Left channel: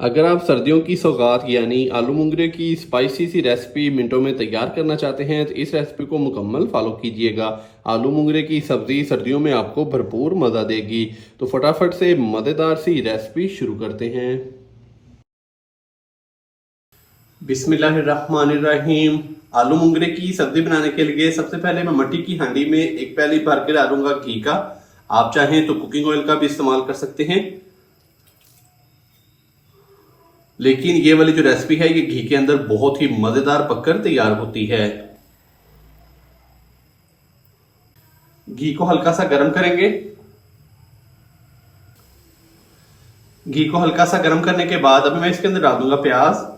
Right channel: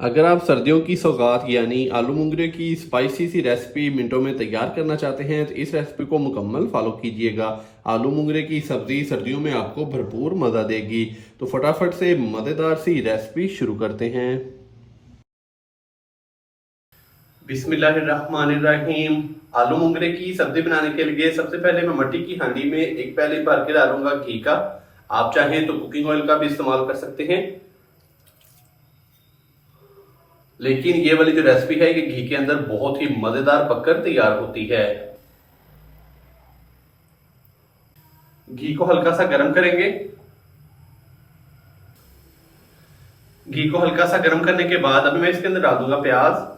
अगर आप सर्दियों की सौगात यानी आलू मुंगरे की स्पाइसी सी रेसिपी मिनटों में तैयार करना चाहते हैं तो इस रेसिपी को मुकम्मल फॉलो कीजिएगा। आलू मुंगरे की सब्ज़ी सर्दियों में आपको भरपूर मज़ा देगी। तो फटाफट से मज़ेदार सी रेसिपी शुरू करते हैं। बिस्मिल्लाहिर्रहमानिर्रहीम। आलू मुंगरे की सब्ज़ी बनाने के लिए सबसे पहले मैं मट्टी की हांडी में एक प्याली भर के डालूंगा घी का। आप चाहें तो कुकिंग ऑयल का भी इस्तेमाल कर सकते हैं, लेकिन ये वाली जो रेसिपी है ये घी के अंदर बहुत ही मजेदार पककर तैयार होती है। घी को हल्का सा गर्म करेंगे। घी को हल्का सा गर्म करने के बाद अभी मैं इसके अंदर डाल दूंगा प्याज।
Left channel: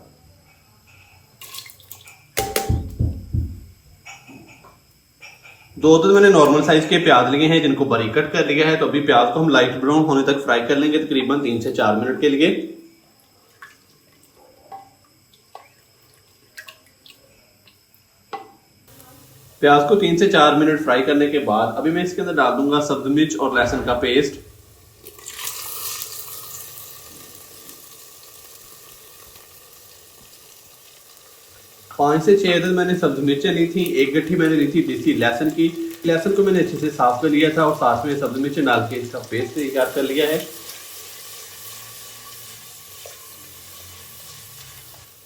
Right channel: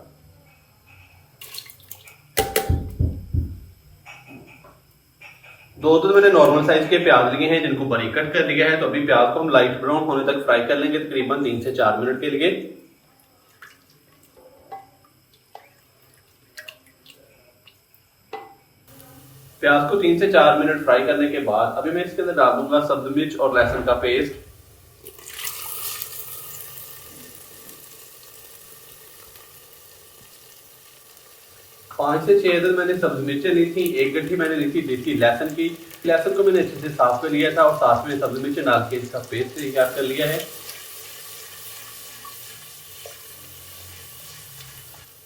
दो तो मैंने नॉर्मल साइज के प्याज लिए हैं जिनको बारीक कट कर लिया है। तो अभी प्याज को हम लाइट ब्राउन होने तक फ्राई कर लेंगे, तकरीबन 3 से 4 मिनट के लिए। प्याज को 3 से 4 मिनट फ्राई करने के बाद अभी मैं इसके अंदर डाल दूंगा सब्ज मिर्च और लहसुन का पेस्ट। पांच से 6 दिन मैंने सब्ज मिर्चें ली थी, एक गट्ठी मैंने ली थी देसी लहसुन की। लहसुन को मैंने अच्छे से साफ कर लिया था और साथ में सब्ज मिर्चें डाल के इसका पेस्ट तैयार कर लिया है।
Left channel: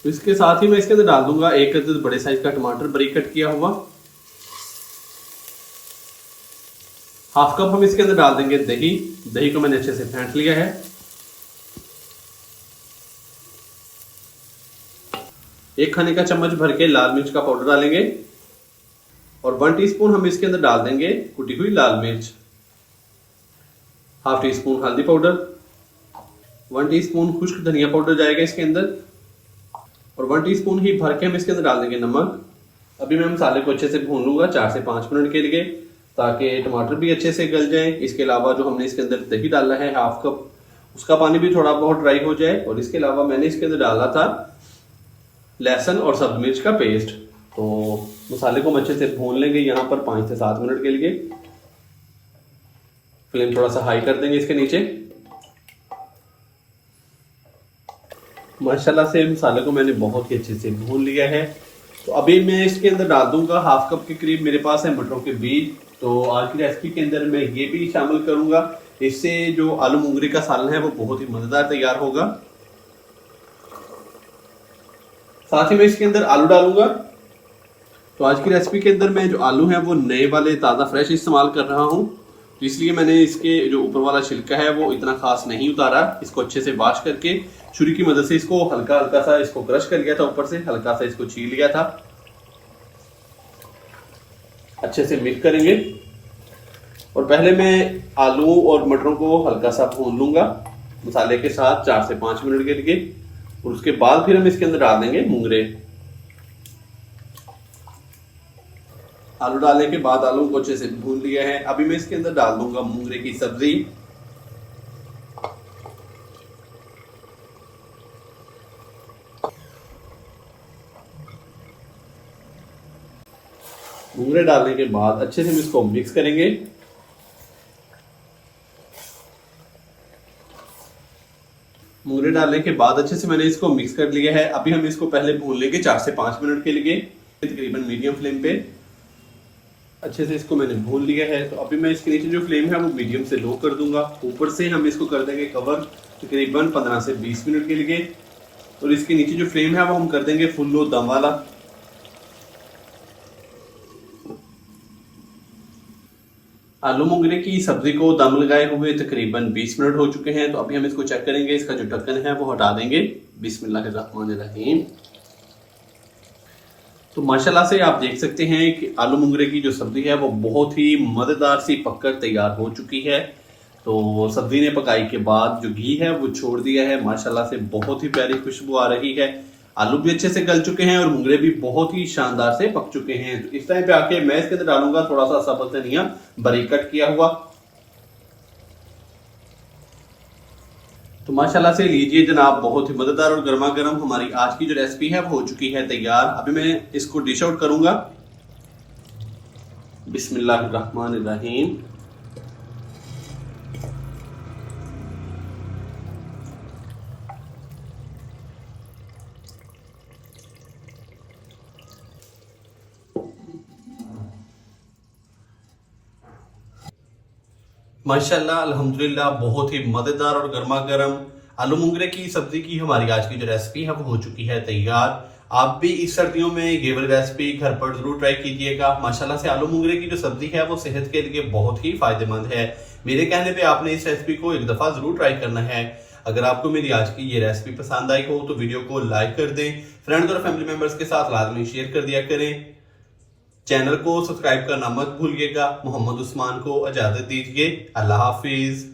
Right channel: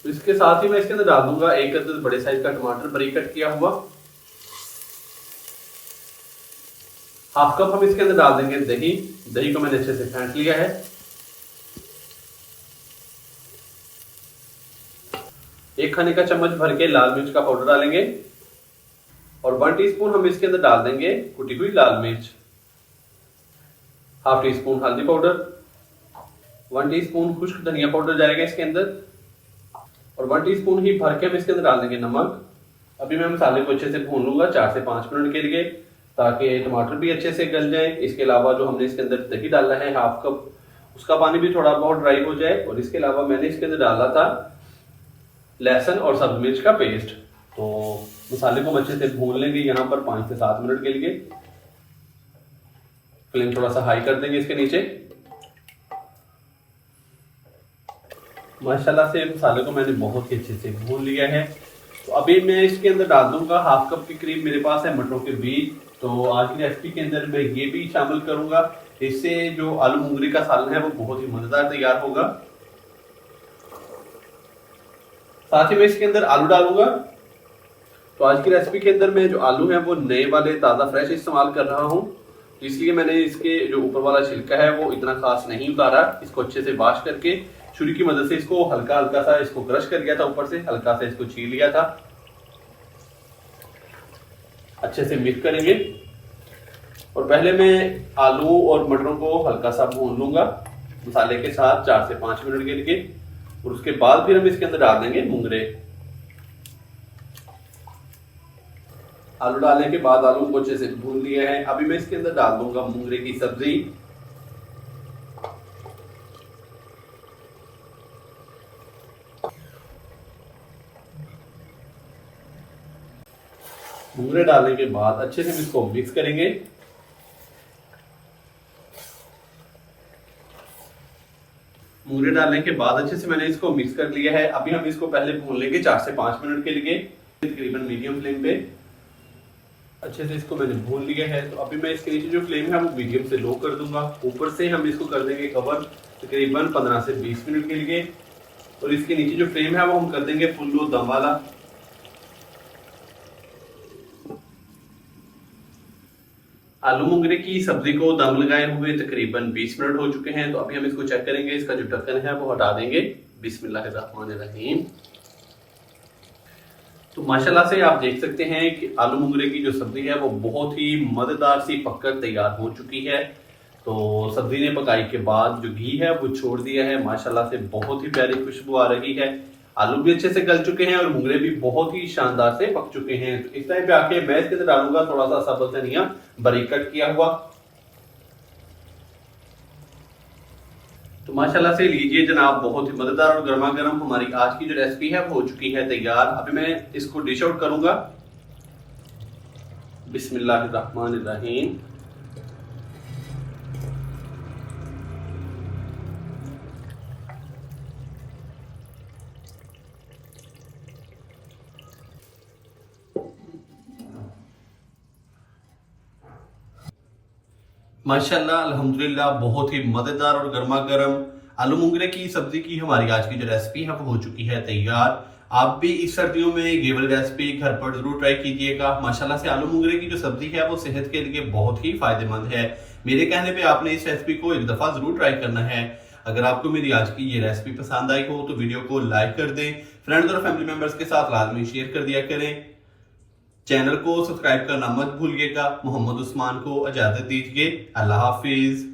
इसके साथ ही मैं इसके अंदर डाल दूंगा एक अदद बड़े साइज का टमाटर बारीक कट किया हुआ। हाफ कप हम इसके अंदर डाल देंगे दही। दही को मैंने अच्छे से फेंट लिया है। एक खाने का चम्मच भर के लाल मिर्च का पाउडर डालेंगे और 1 टीस्पून हम इसके अंदर डाल देंगे कुटी हुई लाल मिर्च। हाफ टी स्पून हल्दी पाउडर, 1 टीस्पून खुश्क धनिया पाउडर जाएगा इसके अंदर और 1 टीस्पून ही भर के हम इसके अंदर डाल देंगे नमक। अभी मैं मसाले को अच्छे से भून लूंगा 4 से 5 मिनट के लिए, ताकि टमाटर भी अच्छे से गल जाए। इसके अलावा जो हमने इसके अंदर दही डाला है हाफ कप, उसका पानी भी थोड़ा बहुत ड्राई हो जाए। और इसके अलावा मैंने इसके अंदर डाला था लहसुन और सब्ज मिर्च का पेस्ट। तो मसाले को हम अच्छे से भून लेंगे यहाँ पर 5 से 7 मिनट के लिए। फ्लेम थोड़ा सा हाई कर देंगे इसके नीचे। माशाल्लाह से मसाले को मैंने बहुत ही अच्छे से भून लिया है। तो अभी मैं इसके अंदर डाल दूंगा हाफ कप के करीब मेरे पास है मटरों के बीज। तो आज की रेसिपी के अंदर मैं ये भी शामिल करूंगा। इससे जो आलू मुंगरे का सालन है वो बहुत ही मजेदार तैयार होगा। साथ ही मैं इसके अंदर आलू डालूंगा। तो आज की रेसिपी के अंदर मैं जो आलू है वो नए वाले ताज़ा फ्रेश इस्तेमाल कर रहा हूँ, इसलिए मैंने इसके जो ऊपर वाला छिलका है वो इतना खास नहीं उतारा। इसको अच्छे से वॉश करके छुरी की मदद से इसको हल्का हल्का सा इसको क्रश कर लिया था, ऊपर से हल्का सा इसको छील लिया था। अच्छे से मिक्स करेंगे और पहले मैं आलू और मटरों को हल्का सा भून लूंगा मसाले के साथ 4 से 5 मिनट के लिए। और उसके बाद फिर हम इसके अंदर डाल देंगे मुंगरे। आलू डालने के बाद आलू को अच्छे से भून लिया है। अभी मैं इसके अंदर डाल दूंगा मुंगरे की सब्जी। मुंगरे डालने के बाद अच्छे से हम इसको मिक्स करेंगे। मुंगरे डालने के बाद अच्छे से मैंने इसको मिक्स कर लिया है। अभी हम इसको पहले भून लेंगे 4 से 5 मिनट के लिए, तकरीबन मीडियम फ्लेम पे। अच्छे से इसको मैंने भून लिया है। तो अभी मैं इसके नीचे जो फ्लेम है वो मीडियम से लो कर दूंगा। ऊपर से हम इसको कर देंगे कवर तकरीबन 15 से 20 मिनट के लिए। और इसके नीचे जो फ्लेम है वो हम कर देंगे फुल लो दम वाला। आलू मुंगरे की सब्जी को दम लगाए हुए तकरीबन 20 मिनट हो चुके हैं। तो अभी हम इसको चेक करेंगे। इसका जो ढक्कन है वो हटा देंगे। बिस्मिल्लाहिर्रहमानिर्रहीम। तो माशाल्लाह से आप देख सकते हैं कि आलू मुंगरे की जो सब्जी है वो बहुत ही मजेदार सी पककर तैयार हो चुकी है। तो सब्जी ने पकाई के बाद जो घी है वो छोड़ दिया है। माशाल्लाह से बहुत ही प्यारी खुशबू आ रही है। आलू भी अच्छे से गल चुके हैं और मुंगरे भी बहुत ही शानदार से पक चुके हैं। तो इस टाइम पे आके मैं इसके अंदर डालूंगा थोड़ा सा सब्ज धनिया बारीक कट किया हुआ। तो माशाल्लाह से लीजिए जनाब, बहुत ही मजेदार और गर्मा गर्म हमारी आज की जो रेसिपी है वो हो चुकी है तैयार। अभी मैं इसको डिश आउट करूंगा। बिस्मिल्लाहिर्रहमानिर्रहीम। माशाल्लाह अल्हम्दुलिल्लाह बहुत ही मज़ेदार और गर्मा गर्म आलू मुंगरे की सब्जी की हमारी आज की जो रेसिपी है वो हो चुकी है तैयार। आप भी इस सर्दियों में ये वाली रेसिपी घर पर जरूर ट्राई कीजिएगा। माशाल्लाह से आलू मुंगरे की जो सब्जी है वो सेहत के लिए बहुत ही फायदेमंद है। मेरे कहने पे आपने इस रेसिपी को एक दफा जरूर ट्राई करना है। अगर आपको मेरी आज की ये रेसिपी पसंद आई हो तो वीडियो को लाइक कर दें, फ्रेंड्स और फैमिली मेंबर्स के साथ लाजमी शेयर कर दिया करें। चैनल को सब्सक्राइब करना मत भूलिएगा। मोहम्मद उस्मान को इजाजत दीजिए। अल्लाह हाफिज।